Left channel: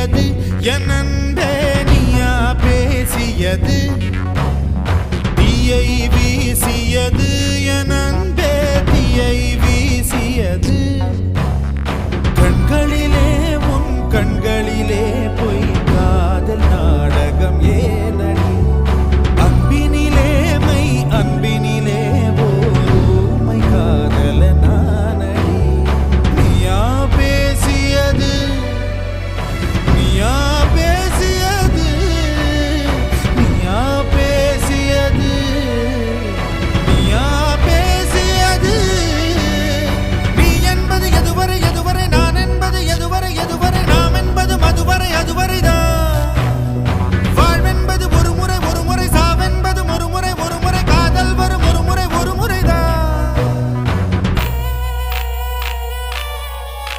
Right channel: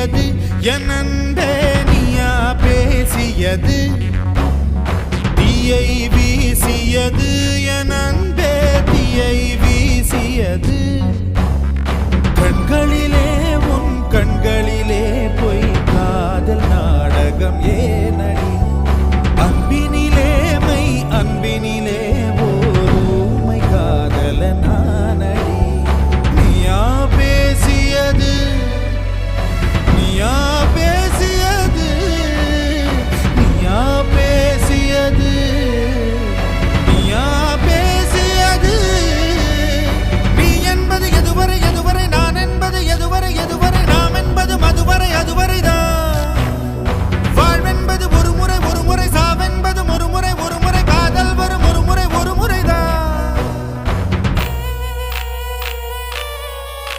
பேசியது என் அன்பே நீயா பேசியது தீயை வீசியது என் அன்பே தீயை வீசியது கண்களிலே உன் கண்களிலே பொய் காதல் நாடகம் ஏனடி